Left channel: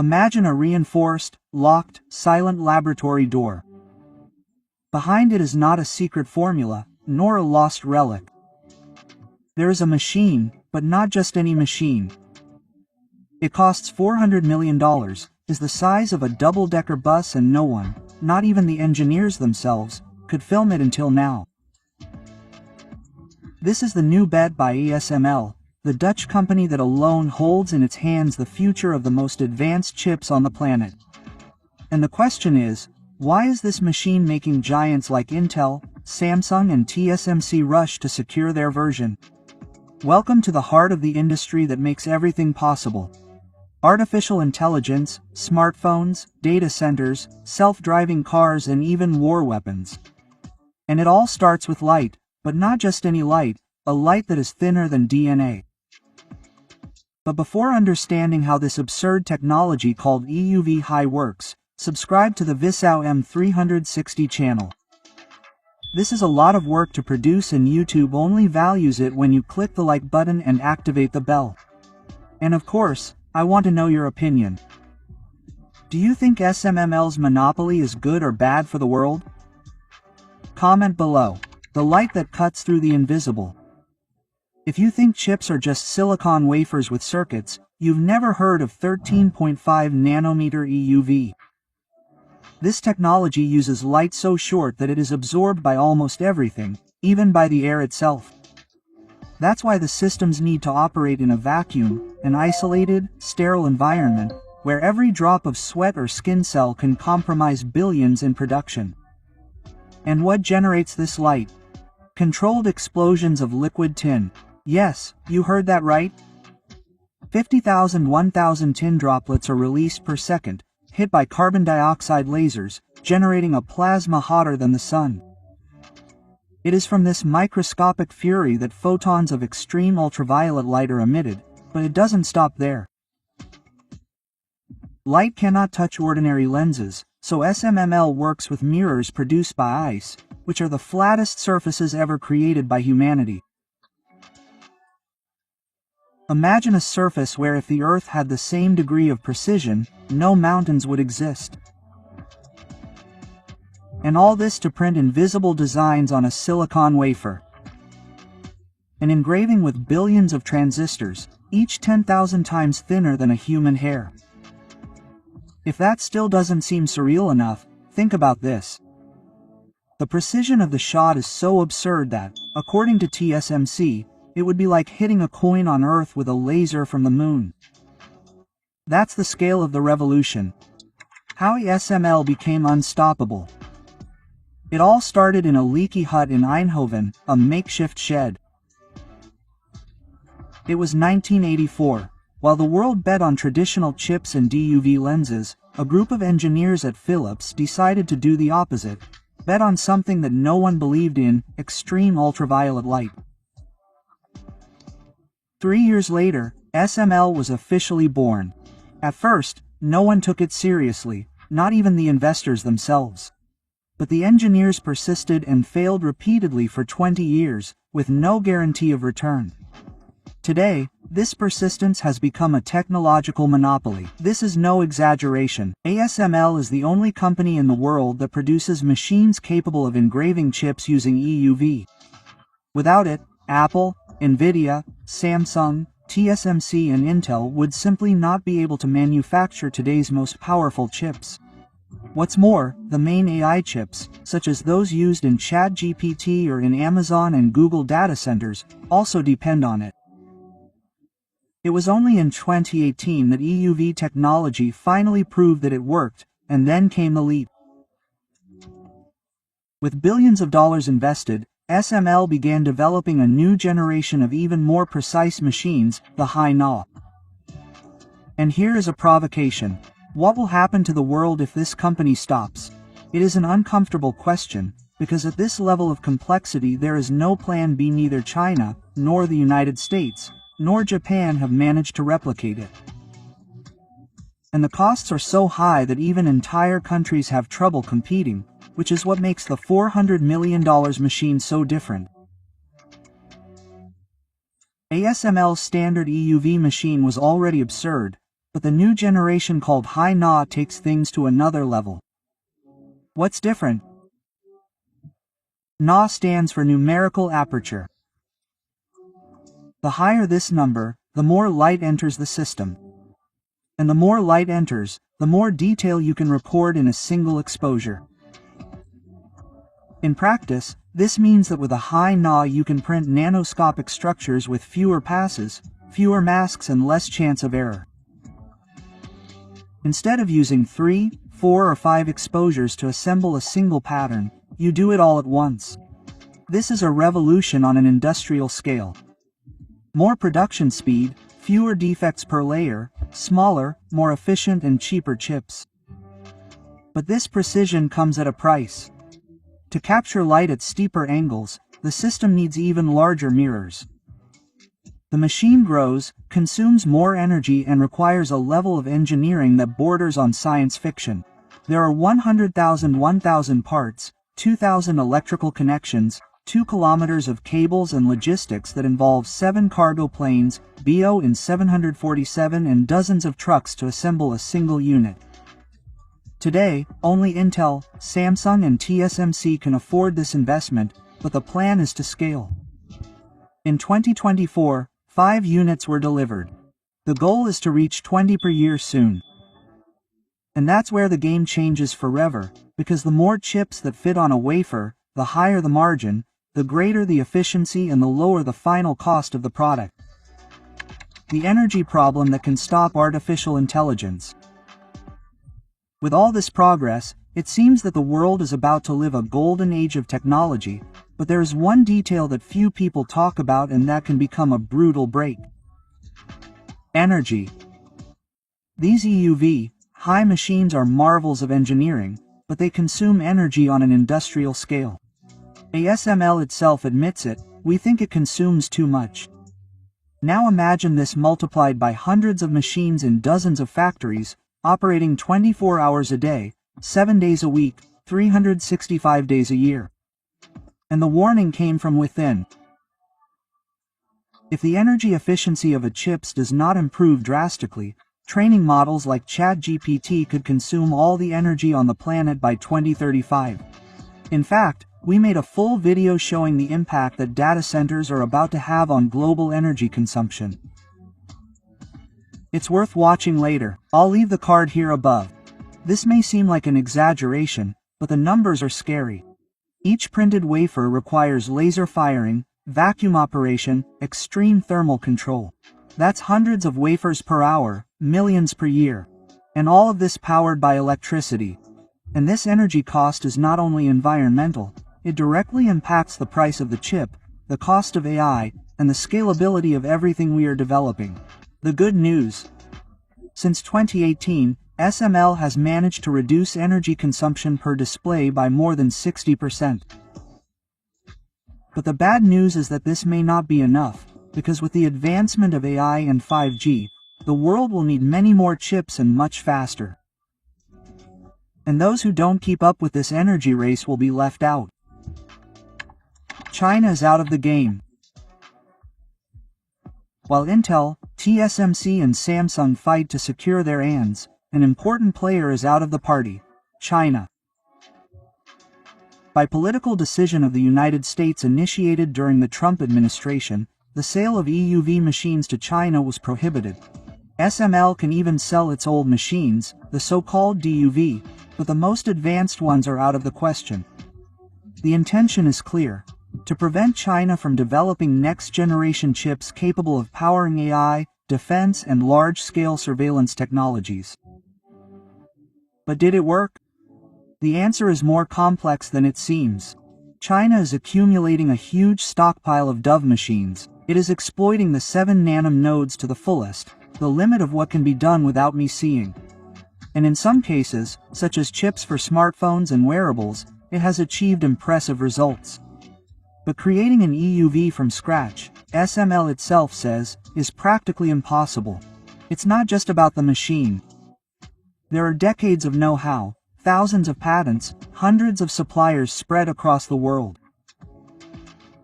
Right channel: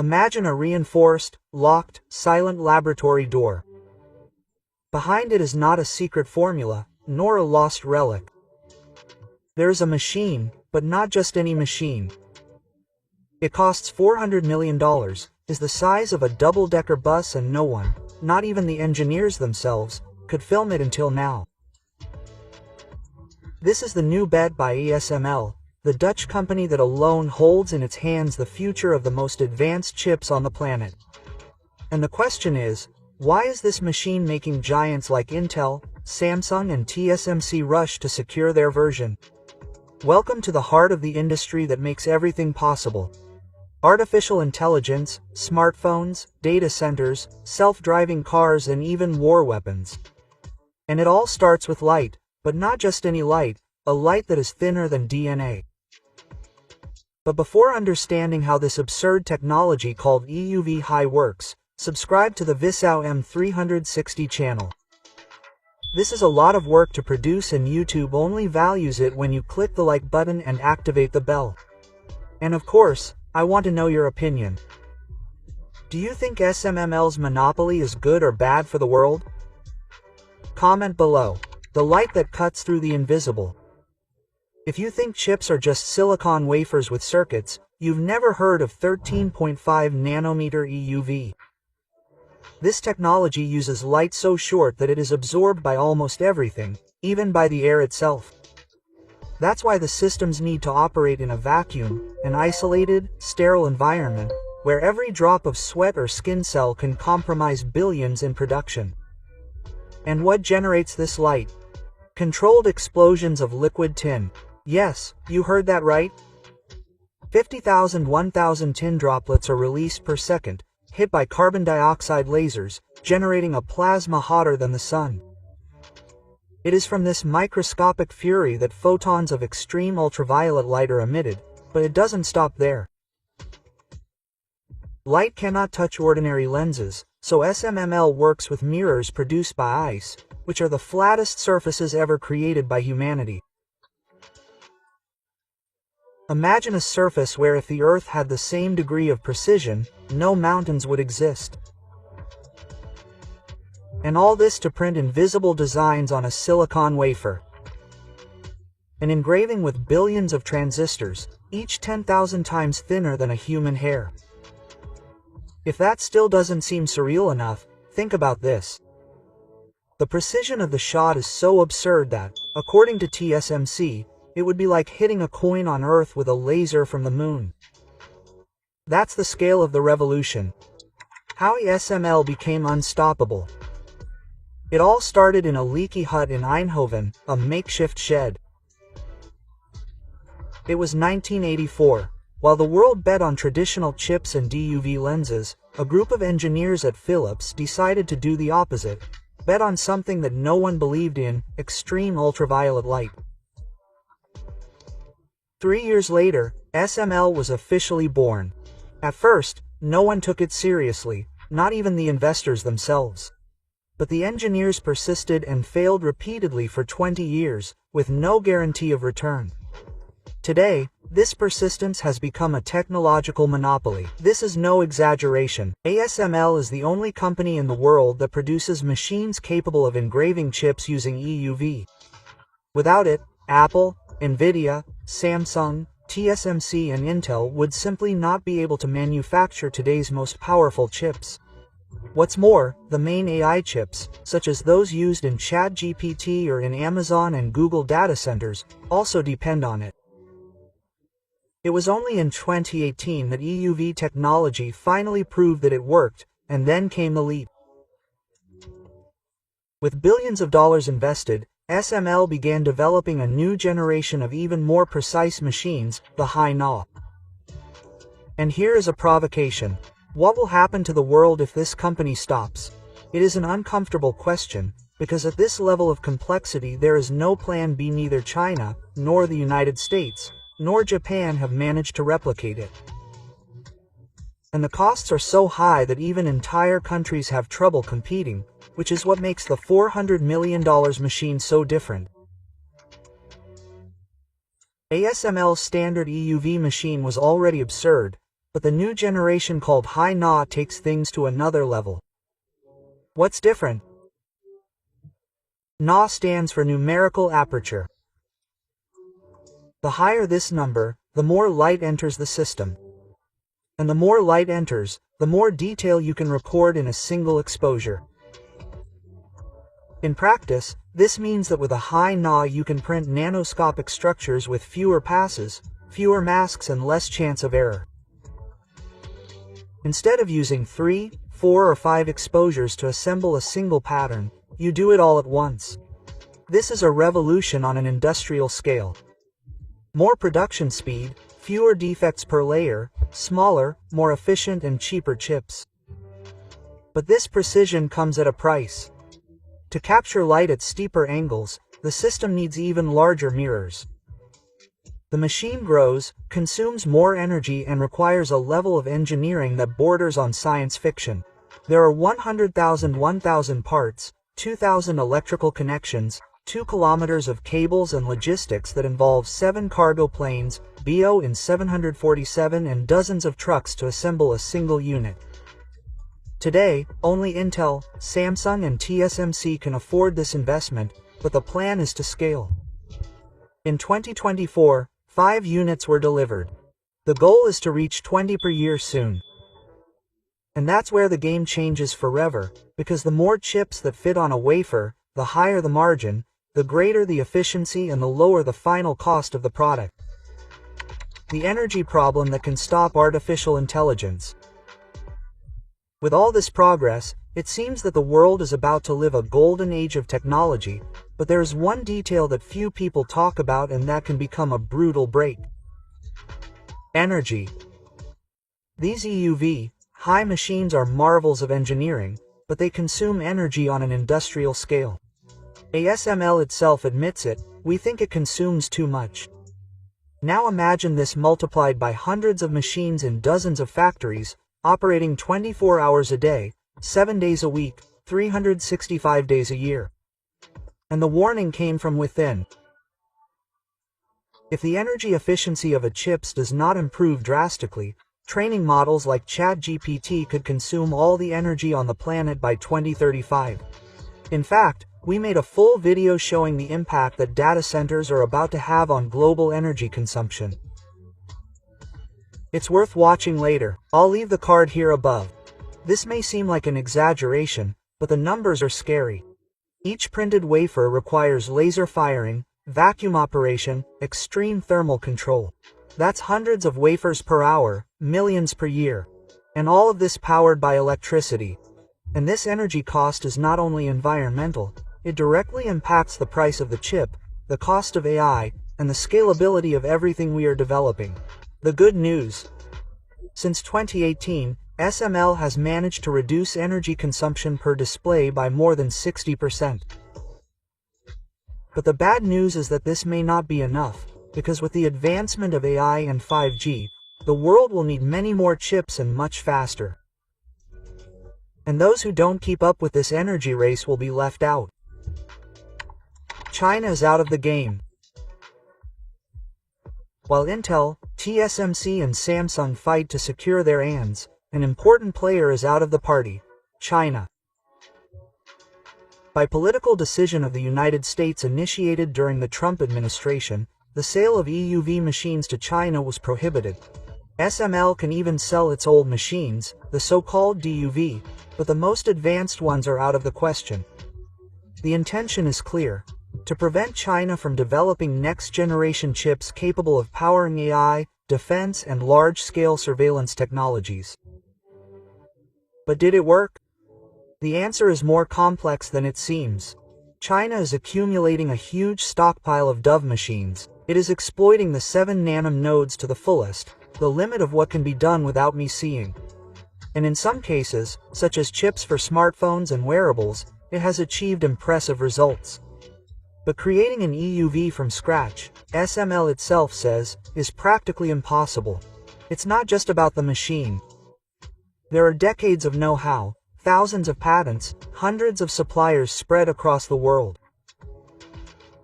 Imagine a reinforced, locked, silent laboratory door. Behind it is not a secret formula, nor a lost relic. There is a machine, but not just any machine. It costs $400 million, is the size of a double-decker bus, and no one, not even the engineers themselves, could film it until now. This is the new bet by ASML, the Dutch company that alone holds in its hands the future of the most advanced chips on the planet. And the question is, why is this machine making giants like Intel, Samsung and TSMC rush to secure their version? Welcome to the heart of the industry that makes everything possible. Artificial intelligence, smartphones, data centers, self-driving cars and even war weapons. And it all starts with light, but not just any light, a light that is thinner than DNA. But before understanding how this absurd technology called EUV high works, subscribe to the Visau M360 channel. This is a lot of work to produce, and YouTube only values it when you click the like button and activate the bell. And of course, I want to know your opinion. Do you think ASML's monopoly is good or bad for the world? Comment below. The light that cuts through the invisible. If you think chips are just silicon wafers with circuits, you've never heard of 13.5 nanometer EUV. This technology uses light so short that it is absorbed by almost everything, even by the air itself. That's why the systems need to operate in a vacuum, an isolated, sterile environment, where every drop of sweat or skin cell can compromise billions in production. And what generates this light? Controlled explosions of liquid tin. Yes, you heard that right. 50,000–1,000 tin droplets are released per second, hit by carbon dioxide lasers, generating a plasma hotter than the sun. It is from this microscopic fury that photons of extreme ultraviolet light are emitted, but it doesn't stop there. Light cannot touch ordinary lenses, so ASML works with mirrors produced by ice, which are the flattest surfaces ever created by humanity. Imagine a surface where if the Earth had the same degree of precision, no mountains would exist. And all this to print invisible designs on a silicon wafer. An engraving with billions of transistors, each 10,000 times thinner than a human hair. If that still doesn't seem surreal enough, think about this. The precision of the shot is so absurd that, according to TSMC, it would be like hitting a coin on Earth with a laser from the moon. That's the scale of the revolution. How ASML became unstoppable. It all started in a leaky hut in Eindhoven, a makeshift shed. It was 1984. While the world bet on traditional chips and DUV lenses, a group of engineers at Philips decided to do the opposite, bet on something that no one believed in, extreme ultraviolet light. 3 years later, ASML was officially born. At first, no one took it seriously, not even the investors themselves. But the engineers persisted and failed repeatedly for 20 years, with no guarantee of return. Today, this persistence has become a technological monopoly. This is no exaggeration. ASML is the only company in the world that produces machines capable of engraving chips using EUV. Without it, Apple, Nvidia, Samsung, TSMC and Intel would simply not be able to manufacture today's most powerful chips. What's more, the main AI chips, such as those used in ChatGPT or in Amazon and Google data centers, also depend on it. It was only in 2018 that EUV technology finally proved that it worked, and then came the leap. With billions of dollars invested, ASML began developing a new generation of even more precise machines, the High-NA. And here is a provocation. What will happen to the world if this company stops? It is an uncomfortable question, because at this level of complexity there is no plan B. Neither China, nor the United States, nor Japan have managed to replicate it. And the costs are so high that even entire countries have trouble competing, which is what makes the $400 million machine so different. ASML's standard EUV machine was already absurd, but the new generation called High-NA takes things to another level. What's different? NA stands for numerical aperture. The higher this number, the more light enters the system. And the more light enters, the more detail you can record in a single exposure. In practice, this means that with a High-NA you can print nanoscopic structures with fewer passes, fewer masks and less chance of error. Instead of using 3, 4 or 5 exposures to assemble a single pattern, you do it all at once. This is a revolution on an industrial scale. More production speed, fewer defects per layer, smaller, more efficient and cheaper chips. But this precision comes at a price. To capture light at steeper angles, the system needs even larger mirrors. The machine grows, consumes more energy and requires a level of engineering that borders on science fiction. There are 100,000 parts, 2,000 electrical connections, 2 kilometers of cables and logistics that involve 7 cargo planes, BO in 747 and dozens of trucks to assemble a single unit. Today, only Intel, Samsung and TSMC can afford this investment, but the plan is to scale. In 2024, 5 units were delivered. The goal is to reach 20 per year soon. And that's where the game changes forever, because the more chips that fit on a wafer, the higher the margin, the greater the efficiency and the lower the final cost of the product. The energy problem that can stop artificial intelligence. With all this progress, it seems that the world is about to live a golden age of technology, but there is one detail that few people talk about and that can become a brutal break. Energy. These EUV, high machines are marvels of engineering, but they consume energy on an industrial scale. ASML itself admits it, we think it consumes too much. Now imagine this multiplied by hundreds of machines in dozens of factories, operating 24 hours a day, 7 days a week, 365 days a year. And the warning came from within. If the energy efficiency of a chips does not improve drastically, training models like ChatGPT could consume all the energy on the planet by 2035. In fact, we made a full video showing the impact that data centers are about to have on global energy consumption. It's worth watching later. I'll leave the card here above. This may seem like an exaggeration, but the numbers are scary. Each printed wafer requires laser firing, vacuum operation, extreme thermal control. That's hundreds of wafers per hour, millions per year. And all of this powered by electricity. And this energy cost is not only environmental, it directly impacts the price of the chip, the cost of AI, and the scalability of everything we are developing. The good news. Since 2018, SML has managed to reduce energy consumption per display by more than 60%. But the bad news is that this may not be enough, because with the advancement of AI and 5G, the world will need many more chips and much faster. And those who don't keep up with this energy race will be left out. China is out of the game. While Intel, TSMC and Samsung fight to secure their hands, an important player is out of the party: China. By political decision of the United States initiated during the Trump administration, the sale of EUV machines to China was prohibited. SML can even sell its old machines, the so-called DUV, but the most advanced ones are out of the question. The intention is clear: to prevent China from developing next-generation chips capable of powering AI, defense, and large-scale surveillance technologies. But did it work? The answer is more complex than it seems. China is accumulating a huge stockpile of DUV machines. It is exploiting the 7 nm nodes to the fullest, the limit of what can be done without me seeing. And in some cases, such as chips for smartphones and wearables, it has achieved impressive results. But creating an EUV from scratch, SML itself says, is practically impossible. It's not just about the machine. There are decades of know-how, thousands of patents, hundreds of suppliers spread across the world.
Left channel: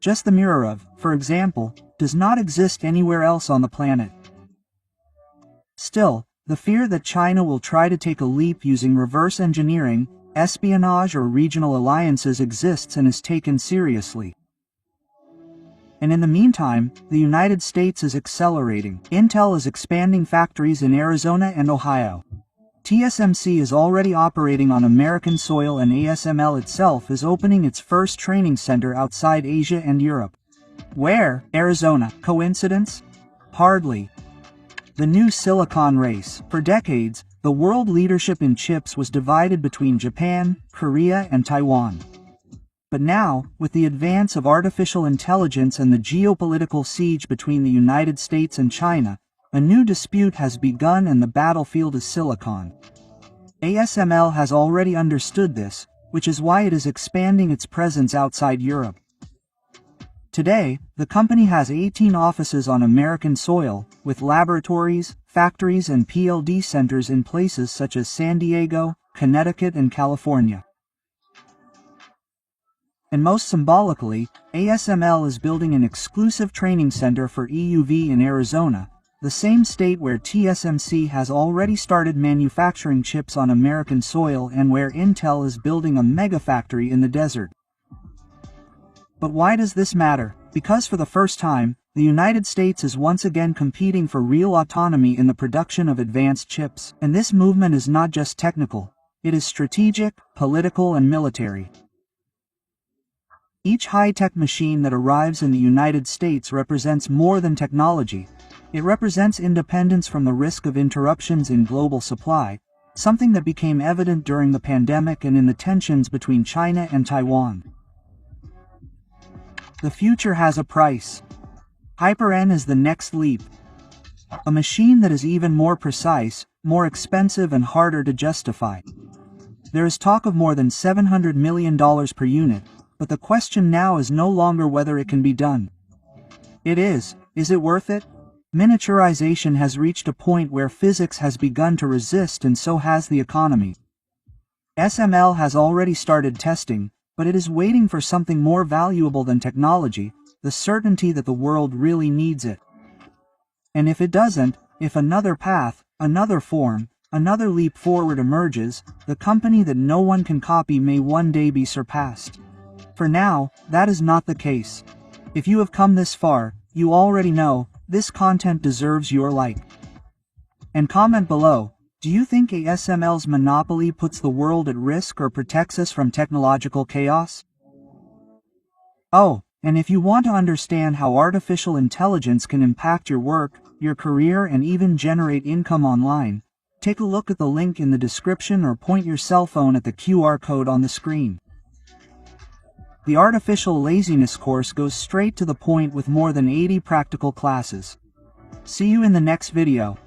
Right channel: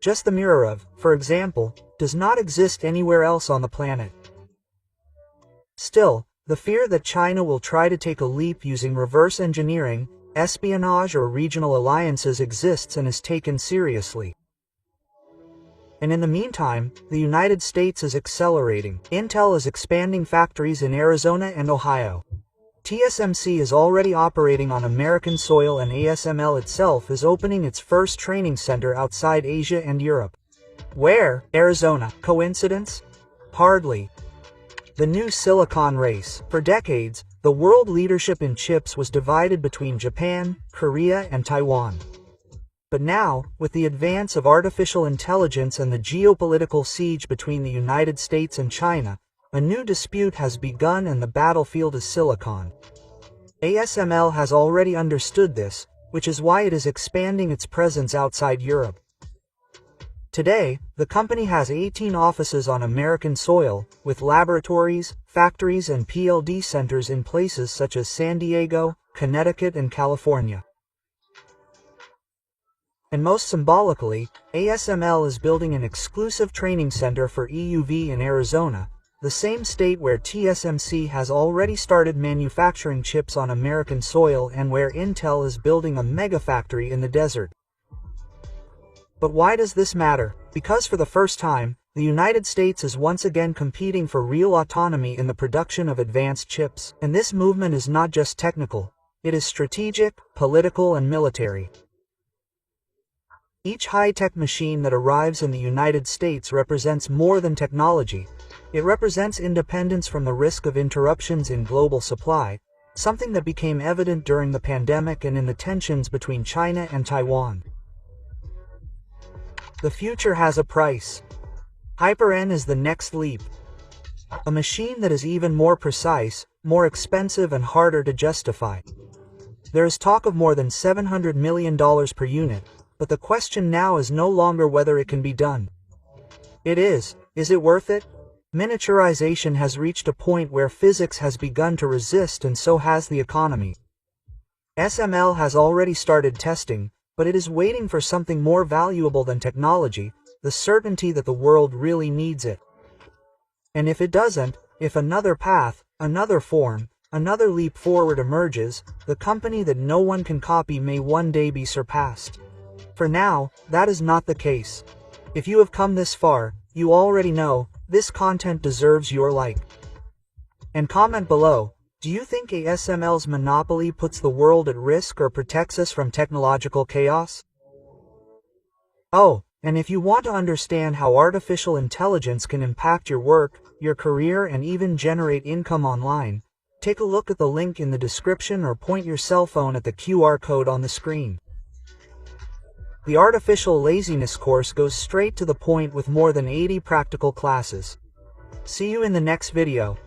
Just the mirror of, for example, does not exist anywhere else on the planet. Still, The fear that China will try to take a leap using reverse engineering, espionage or regional alliances exists and is taken seriously. And in the meantime, the United States is accelerating. Intel is expanding factories in Arizona and Ohio. TSMC is already operating on American soil, and ASML itself is opening its first training center outside Asia and Europe. Where? Arizona. Coincidence? Hardly. The new silicon race. For decades, the world leadership in chips was divided between Japan, Korea, and Taiwan. But now, with the advance of artificial intelligence and the geopolitical siege between the United States and China, a new dispute has begun, and the battlefield is silicon. ASML has already understood this, which is why it is expanding its presence outside Europe. Today, the company has 18 offices on American soil, with laboratories, factories and PLD centers in places such as San Diego, Connecticut and California. And most symbolically, ASML is building an exclusive training center for EUV in Arizona, the same state where TSMC has already started manufacturing chips on American soil and where Intel is building a megafactory in the desert. But why does this matter? Because for the first time, the United States is once again competing for real autonomy in the production of advanced chips. And this movement is not just technical, it is strategic, political and military. Each high-tech machine that arrives in the United States represents more than technology. It represents independence from the risk of interruptions in global supply, something that became evident during the pandemic and in the tensions between China and Taiwan. The future has a price. Hyper-N is the next leap. A machine that is even more precise, more expensive and harder to justify. There is talk of more than $700 million per unit, but the question now is no longer whether it can be done. It is it worth it? Miniaturization has reached a point where physics has begun to resist, and so has the economy. SML has already started testing, but it is waiting for something more valuable than technology, the certainty that the world really needs it. And if it doesn't, if another path, another form, another leap forward emerges, the company that no one can copy may one day be surpassed. For now, that is not the case. If you have come this far, you already know, this content deserves your like. And comment below, do you think ASML's monopoly puts the world at risk or protects us from technological chaos? Oh, and if you want to understand how artificial intelligence can impact your work, your career and even generate income online, take a look at the link in the description or point your cell phone at the QR code on the screen. The Artificial Laziness course goes straight to the point with more than 80 practical classes. See you in the next video.